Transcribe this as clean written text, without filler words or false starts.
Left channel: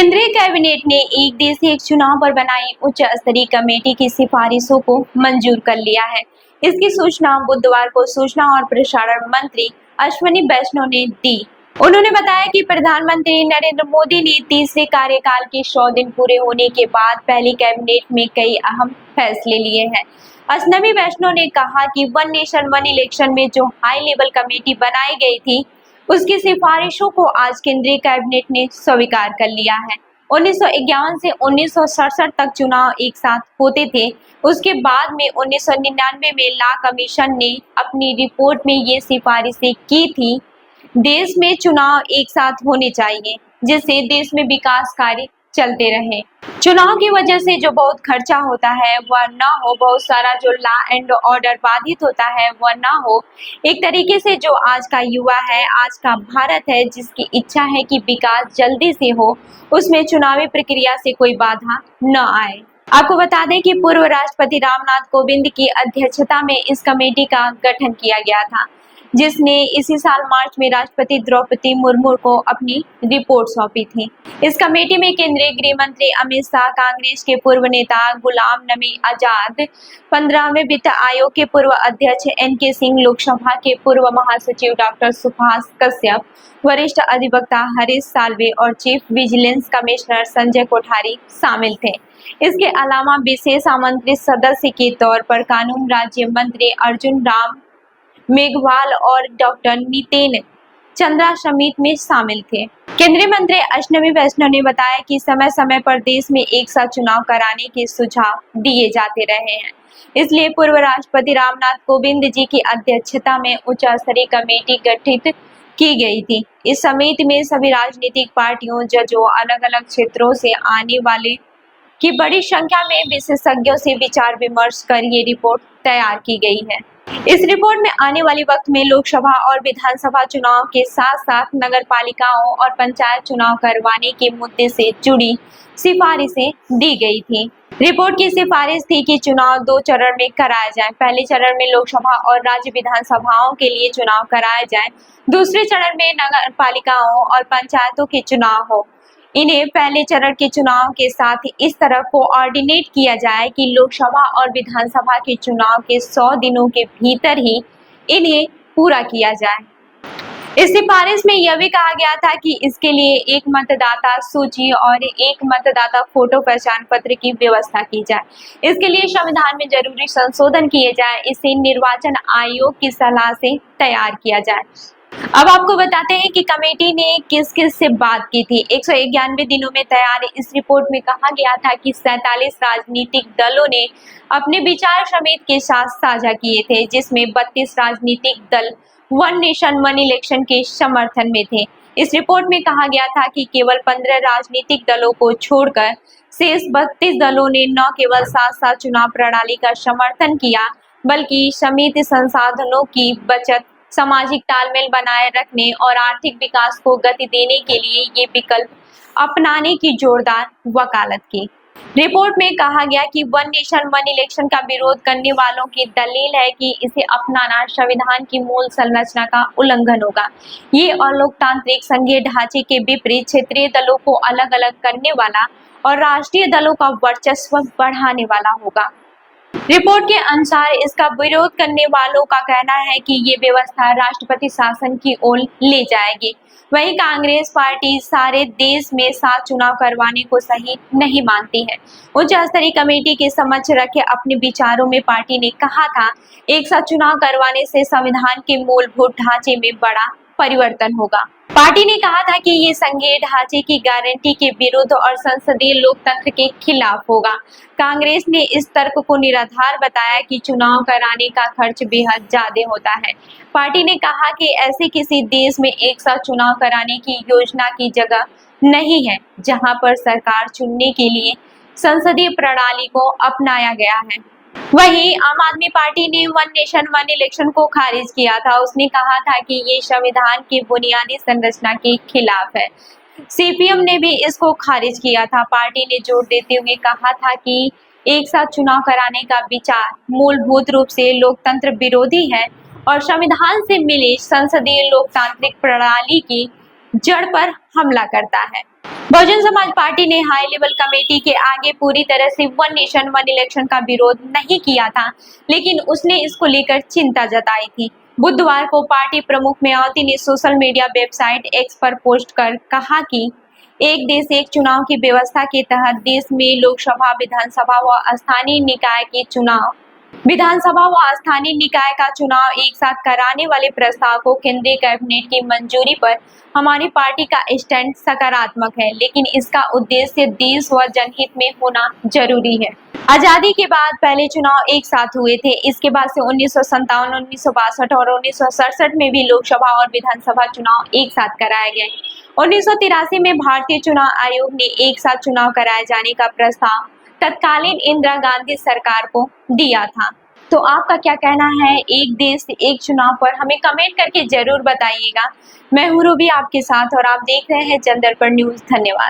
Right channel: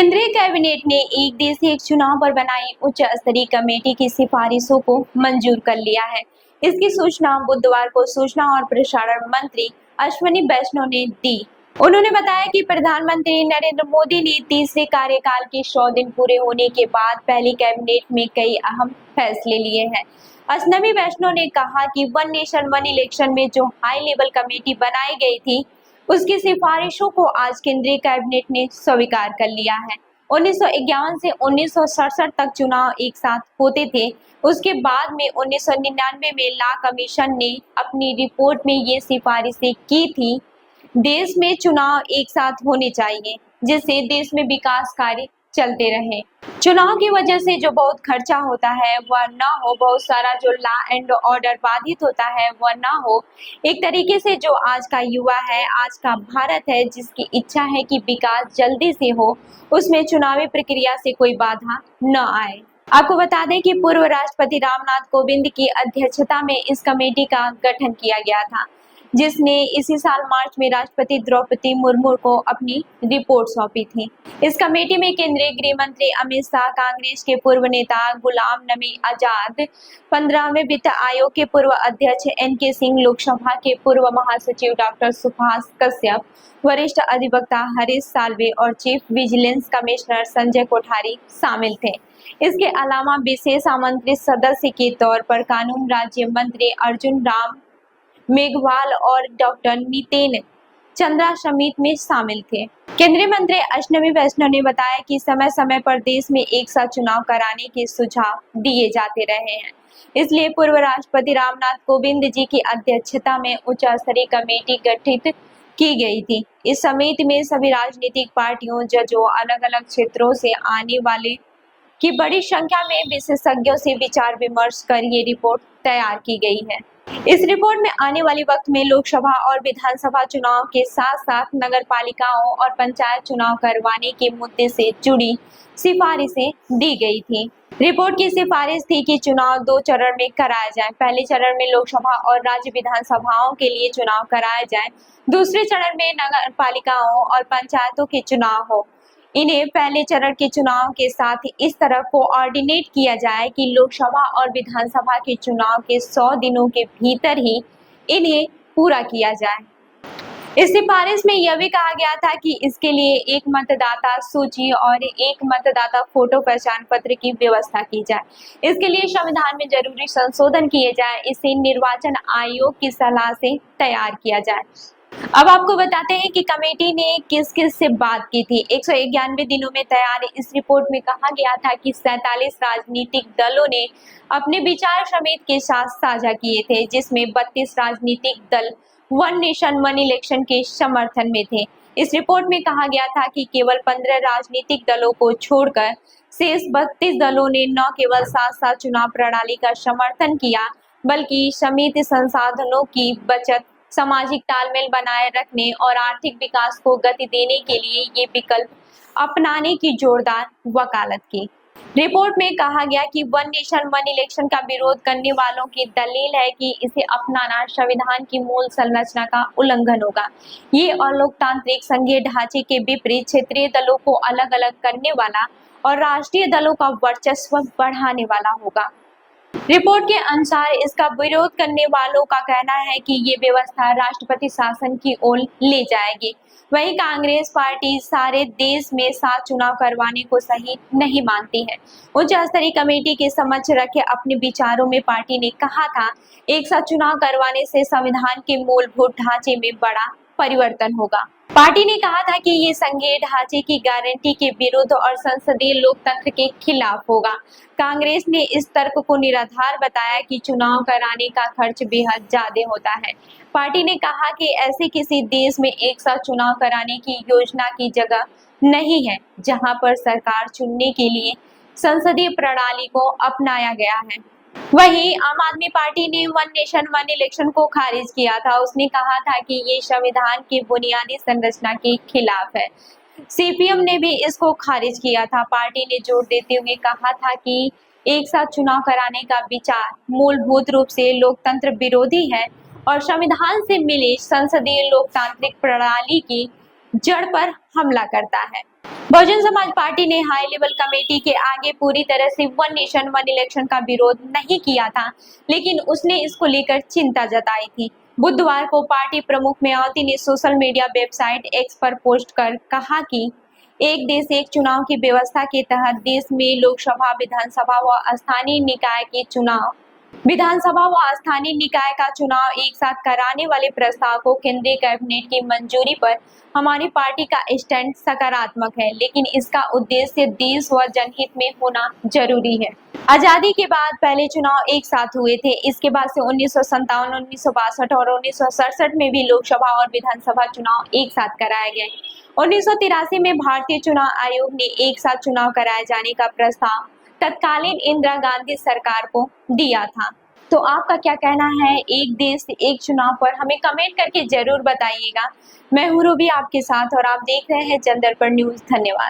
केंद्रीय कैबिनेट ने एक देश एक चुनाव पर बनाई उच्च स्तरीय कमेटी की सिफारिशों को मंजूर कर लिया है। इसकी सूचना बुधवार को सूचना और प्रसारण मंत्री अश्विनी वैष्णव ने दी। उन्होंने बताया कि प्रधानमंत्री नरेंद्र मोदी ने तीसरे कार्यकाल के 100 दिन पूरे होने के बाद पहली कैबिनेट में कई अहम फैसले लिए हैं। अश्विनी वैष्णव ने कहा कि वन नेशन वन इलेक्शन में जो हाई लेवल कमेटी बनाई गई थी उसकी सिफारिशों को आज केंद्रीय कैबिनेट ने स्वीकार कर लिया है। 1951 से 1967 तक चुनाव एक साथ होते थे। उसके बाद में 1999 में ला कमीशन ने अपनी रिपोर्ट में ये सिफारिशें की थी। देश में चुनाव एक साथ होने चाहिए जिससे देश में विकास कार्य चलते रहे। चुनाव की वजह से जो बहुत खर्चा होता है वह ना हो, बहुत सारा जो लॉ एंड ऑर्डर बाधित होता है वह ना हो। एक तरीके से जो आज का युवा है, आज का भारत है, जिसकी इच्छा है कि विकास जल्दी से हो, उसमें चुनावी प्रक्रिया से कोई बाधा न आए। आपको बता दें कि पूर्व राष्ट्रपति रामनाथ कोविंद की अध्यक्षता में इस कमेटी का गठन किया गया था, जिसने इसी साल मार्च में राष्ट्रपति द्रौपदी मुर्मू को अपनी रिपोर्ट सौंपी थी। इस कमेटी में केंद्रीय गृह मंत्री अमित शाह, कांग्रेस के पूर्व नेता गुलाम नबी आजाद, 15वें वित्त आयोग के पूर्व अध्यक्ष NK सिंह, लोकसभा के पूर्व महासचिव डॉक्टर सुभाष कश्यप, वरिष्ठ अधिवक्ता हरीश साल्वे और chief vigilance commissioner Sanjay Kothari शामिल थे। इसके अलावा विशेष आमंत्रित सदस्य के तौर पर कानून राज्य मंत्री अर्जुन राम मेघवाल और डॉक्टर नितिन चंद्रा समिति में शामिल थे। केंद्रीय मंत्री अश्विनी वैष्णव ने बताया कि समय समय पर देश में एक साथ चुनाव कराने के सुझाव दिए जाते रहे हैं, इसलिए पूर्व राष्ट्रपति रामनाथ कोविंद जी की अध्यक्षता में उच्च स्तरीय कमेटी गठित की गई थी। इस समिति में सभी राजनीतिक पार्टियों, जजों, अलग अलग क्षेत्रों से आने वाले की बड़ी संख्या में विशेषज्ञों से विचार विमर्श कर ये रिपोर्ट तैयार की गई है। इस रिपोर्ट में आने वाले वक्त में लोकसभा और विधानसभा चुनाव के साथ साथ नगर पालिकाओं और पंचायत चुनाव करवाने के मुद्दे से जुड़ी सिफारिशें दी गई थी। रिपोर्ट की सिफारिश थी कि चुनाव 2 चरण में कराया जाए। पहले चरण में लोकसभा और राज्य विधानसभाओं के लिए चुनाव कराया जाए। दूसरे चरण में नगर पालिकाओं और पंचायतों के चुनाव हो। इन्हें पहले चरण के चुनाव के साथ इस तरह कोऑर्डिनेट किया जाए कि लोकसभा और विधानसभा के चुनाव के 100 दिनों के भीतर ही इन्हें पूरा किया जाए। इस सिफारिश में यह भी कहा गया था कि इसके लिए एक मतदाता सूची और एक मतदाता फोटो पहचान पत्र की व्यवस्था की जाए। इसके लिए संविधान में जरूरी संशोधन किए जाए। इसे निर्वाचन आयोग की सलाह से तैयार किया जाए। अब आपको बताते हैं कि कमेटी ने किस किस से बात की थी। 191 दिनों में तैयार इस रिपोर्ट में कहा गया था कि 47 राजनीतिक दलों ने अपने विचार समिति के साथ साझा किए थे, जिसमें 32 राजनीतिक दल वन नेशन वन इलेक्शन के समर्थन में थे। इस रिपोर्ट में कहा गया था कि केवल 15 राजनीतिक दलों को छोड़कर शेष 32 दलों ने न केवल साथ साथ चुनाव प्रणाली का समर्थन किया, बल्कि समिति संसाधनों की बचत, सामाजिक तालमेल बनाए रखने और आर्थिक विकास को गति देने के लिए ये विकल्प अपनाने की जोरदार वकालत की। रिपोर्ट में कहा गया कि वन नेशन वन इलेक्शन का विरोध करने वालों की दलील है कि इसे अपनाना संविधान की मूल संरचना का उल्लंघन होगा। ये अलोकतांत्रिक संघीय ढांचे के विपरीत क्षेत्रीय दलों को अलग अलग करने वाला और राष्ट्रीय दलों का वर्चस्व बढ़ाने वाला होगा। रिपोर्ट के अनुसार इसका विरोध करने वालों का कहना है कि ये व्यवस्था राष्ट्रपति शासन की ओर ले जाएगी। वहीं कांग्रेस पार्टी सारे देश में साथ चुनाव करवाने को सही नहीं मानती है। उच्च स्तरीय कमेटी के समक्ष रखे अपने विचारों में पार्टी ने कहा था, एक साथ चुनाव करवाने से संविधान के मूलभूत ढांचे में बड़ा परिवर्तन होगा। पार्टी ने कहा था कि ये संघीय ढांचे की गारंटी के विरुद्ध और संसदीय लोकतंत्र के खिलाफ होगा। कांग्रेस ने इस तर्क को निराधार बताया कि चुनाव कराने का खर्च बेहद ज्यादा होता है। पार्टी ने कहा कि ऐसे किसी देश में एक साथ चुनाव कराने की योजना की जगह नहीं है जहां पर सरकार चुनने के लिए संसदीय प्रणाली को अपनाया गया है। वहीं आम आदमी पार्टी ने वन नेशन वन इलेक्शन को खारिज किया था। उसने कहा था कि ये संविधान की बुनियादी संरचना के खिलाफ है। CPM ने भी इसको खारिज किया था। पार्टी ने जोर देते हुए कहा था कि एक साथ चुनाव कराने का विचार मूलभूत रूप से लोकतंत्र विरोधी है और संविधान से मिली संसदीय लोकतांत्रिक प्रणाली की जड़ पर हमला करता है। बहुजन समाज पार्टी ने हाई लेवल कमेटी के आगे पूरी तरह से वन नेशन वन इलेक्शन का विरोध नहीं किया था, लेकिन उसने इसको लेकर चिंता जताई थी। बुधवार को पार्टी प्रमुख मायावती ने सोशल मीडिया वेबसाइट एक्स पर पोस्ट कर कहा कि एक देश एक चुनाव की व्यवस्था के तहत देश में लोकसभा, विधानसभा व स्थानीय निकाय का चुनाव एक साथ कराने वाले प्रस्ताव को केंद्रीय कैबिनेट की मंजूरी पर हमारी पार्टी का स्टैंड सकारात्मक है, लेकिन इसका उद्देश्य देश व जनहित में होना जरूरी है। आजादी के बाद पहले चुनाव एक साथ हुए थे। इसके बाद से 1957, 1962 और 1967 में भी लोकसभा और विधानसभा चुनाव एक साथ कराए गए। 1983 में भारतीय चुनाव आयोग ने एक साथ चुनाव कराए जाने का प्रस्ताव तत्कालीन इंदिरा गांधी सरकार को दिया था। तो आपका क्या कहना है एक देश एक चुनाव पर? हमें कमेंट करके जरूर बताइएगा। मैं हूँ रूबी आपके साथ और आप देख रहे हैं जनदर्पण न्यूज। धन्यवाद।